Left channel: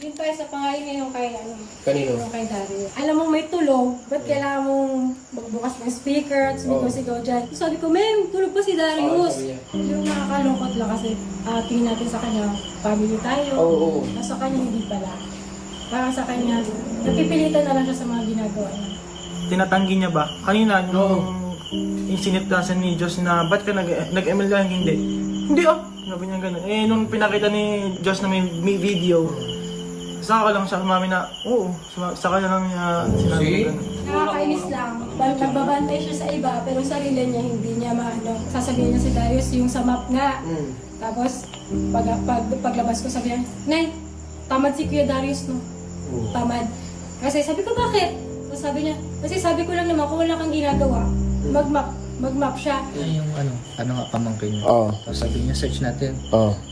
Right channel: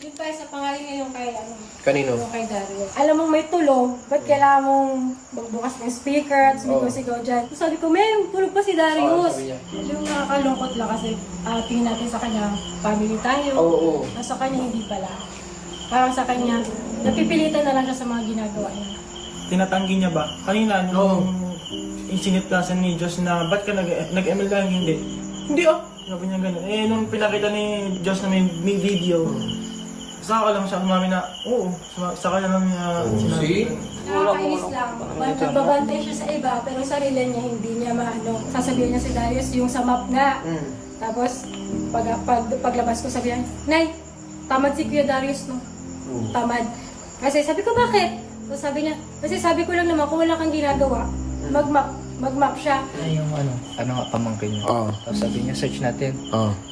Yun pa sa pangalan niya yung kay ano. Kanino? Yung kay Darius. Alam mo may tulog, ba't kailangan mong magbukas ng speaker at sumigaw-sigaw dyan? Sabi ko, may tulog pa si Darius. Yung nakakalungkot lang kasi tingin natin sa kanya, family tayo. Nasa kanya hindi pala. Parang sa kanya, napipilitan na lang siya sa mga ginagawa niya. Tinatanggi niya ba? Kanina, nung insinitasan ni Diyos na, ba't ka nag-ML lang? Hindi. Hindi Sabi niya gano'n. Nung pinakita ni Diyos na may video, saka lang siya umami na, oo, sa kanya lang niya sinabi. Nakakainis lang. Nagbabantay siya sa iba, pero sarili niya hindi niya maano. Sasabihin niya si Darius yung sa map nga. Tapos, paglabas ko sabihin, Nay, tamad si Kuya Darius, no? Tamad. Kasi sabi ko, bakit? So, sabi niya, kasi sabi ko lang naman, kung wala kang ginagawa, mag-map siya. Ay, yung ano nga pamangkin niya. Tapos sabi niya, search natin.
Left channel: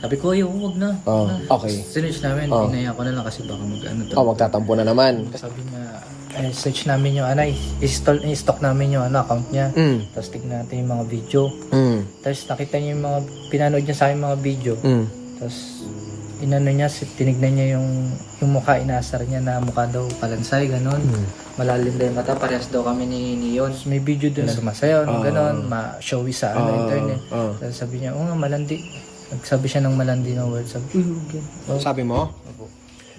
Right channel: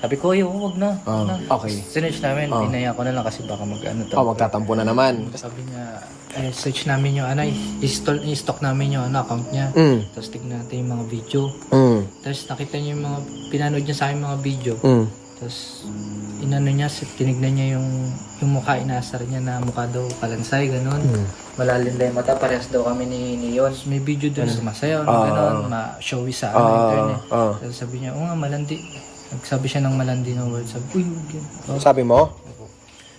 Sabi ko, wag na. Okay. Sinearch namin, pinaya ko na lang kasi baka mag-ano to. Magtatampo na naman. Sabi niya, search namin yung i-stock namin yung account niya. Tapos tignan natin yung mga video. Tapos nakita niya yung mga, pinanood niya sa akin mga video. Tapos, inano niya, tinignan niya yung mukha, inaasar niya na mukha daw kalansay, ganun. Malalim daw yung mata, parehas daw kami ni Yon. May video doon na sumasayaw, ganun, ma-showy sa internet. Tapos sabi niya, nga, malandi. Nagsabi siya ng malandi na word. Sabi, uy, yan. Sabi mo?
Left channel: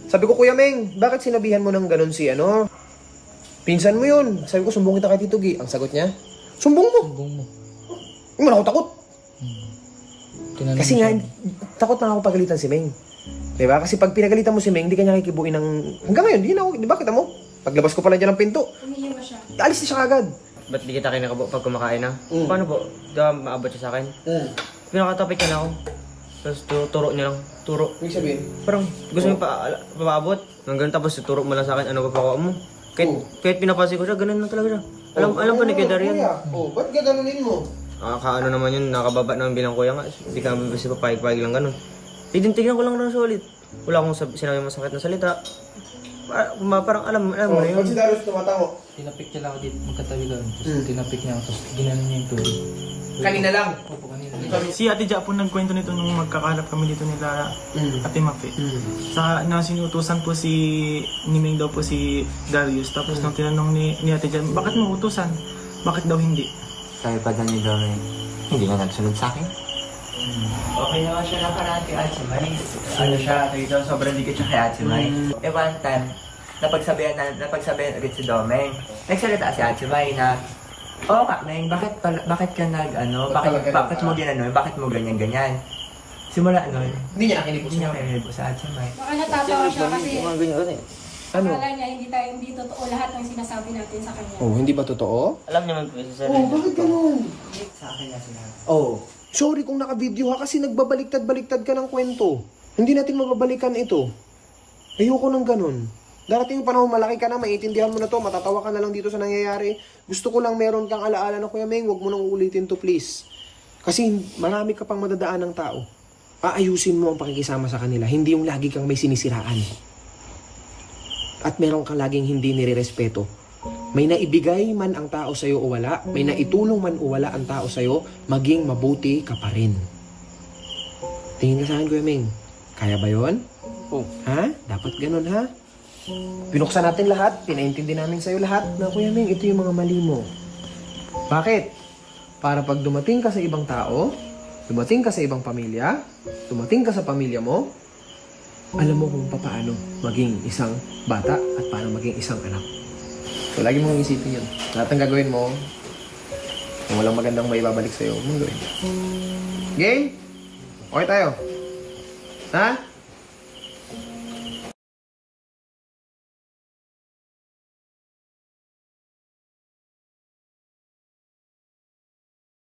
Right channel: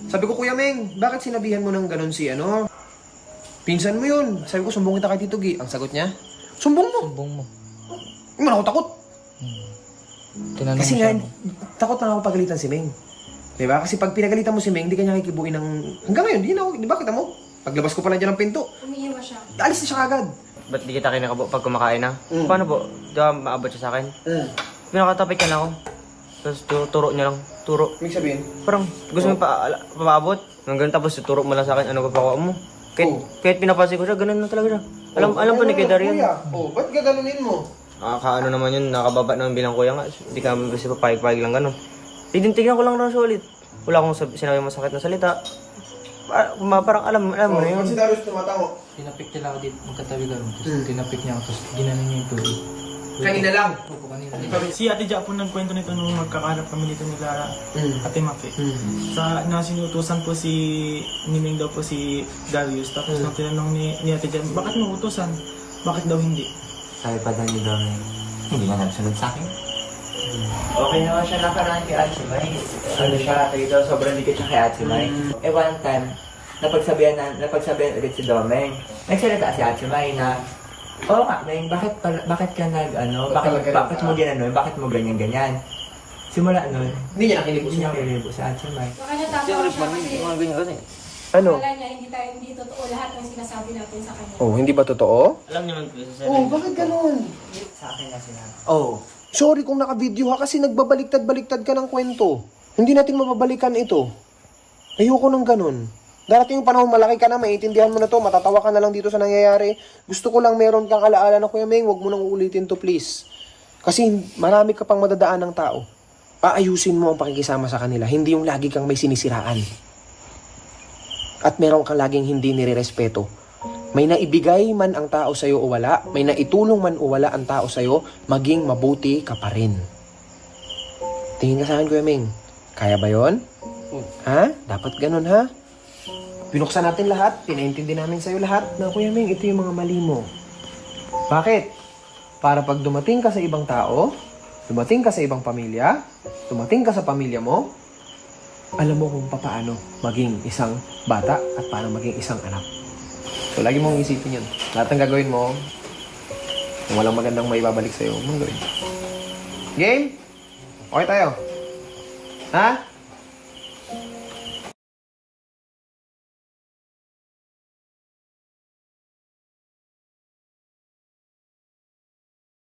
Sabi ko, Kuya Meng, bakit sinabihan mo ng ganun si pinsan mo yun? Sabi ko, sumbong kita kay Tito G. Ang sagot niya, sumbong mo. Sumbong mo. Hindi mo na ako takot. Kasi nga, takot na ako pagalitan si Meng. Diba? Kasi pag pinagalitan mo si Meng, hindi ka niya kikibuin ng... Hanggang ngayon, di na ako, di ba kita mo? Paglabas ko pala dyan ng pinto, umiiwas siya. alis na siya agad. Ba't di kita kinakabo pag kumakain na? Paano po? Di ba maabot siya sa akin? Pinakatapit niya na ako. Tapos turo niya lang. Turo. Ibig sabihin? Parang gusto mo paabot. Hanggang tapos turo mo lang sa akin, ano papakuha mo. Kahit pinapansin ko siya, ganun na talaga siya. Alam po ni Kuya Darian. Ba't gaganunin mo? Kaano naman yun, nakababa naman bilang kuya nga. Hindi ka kasi papayag-payag lang ganun. Tignan ko lang na ulit. Wala akong sinabi masakit na salita. Parang alam mo na yun. Si Darius tumatango. Tinapik niya lang ako dito, magkatabi lang. Tapos tinapik niya ako, tapos ginanon niya yung tubig. Kanina lang? Opo, kanina. Si Ate Ja po nagkwento nito nung magkakalat kami dito nila Ate Mafe. Sa nasinutusan po ni Meng daw po si Darius. Tapos nung tinanong ni Ate Ja, bakit mo utusan? Bakit daw hindi? Kaya pa niya gawin. Hindi niya nagsunod sa akin. Okay naman siya nakaraan kay Atsumay. Ano siya, ito, sobrang dikit siya kay Atsumay. One time, napagsabihan agad si Domeng. Nagsalita si Atsumay na, oo nga, Meng, bakit ka bakit mo ginano'n, bakit mo ganyan-ganyan? Simula nun, hindi niya kililibo sa Atsumay. Baka natatawa siya kasi Ano? akala niya hindi totoo lahat ng sinasabi natin sa kanya. Hindi ba totoo? Alam niya mag-sarili. Bakit ganun? Sa akin na sinabi. Sorry kung naka-video ka kasi nagbabaliktad-baliktad ka ng kwento. Hindi natin mababalikan ito. Ayoko ng ganun. Darating yung panahon, malaki ka na, maiintindihan mo na to, matatawa ka na lang dito sa nangyayari. Gusto ko lang meron kang alaala na, Kuya Meng, huwag mo nang uulitin to, please. Kasi marami ka pang madadaan ng tao. Aayusin mo ang pakikisama sa kanila, hindi yung lagi kang may sinisiraan. At meron kang laging hindi nire-respeto. May naibigay man ang tao sa'yo o wala, may naitulong man o wala ang tao sa'yo, maging mabuti ka pa rin. Tingin ka sa akin, Kuya Meng. Kaya ba yun? Ha? Dapat ganun, ha? Pinuksan natin lahat, pinaintindi namin sa'yo lahat na, Kuya Meng, ito yung mga mali mo. Bakit? Para pag dumating ka sa ibang tao, dumating ka sa ibang pamilya, dumating ka sa pamilya mo, alam mo kung paano maging isang bata at paano maging isang anak. So, lagi mong isipin yun. Lahat ng gagawin mo, kung walang magandang maibabalik sa'yo, huwag mong gawin. Game? Okay tayo? Ha?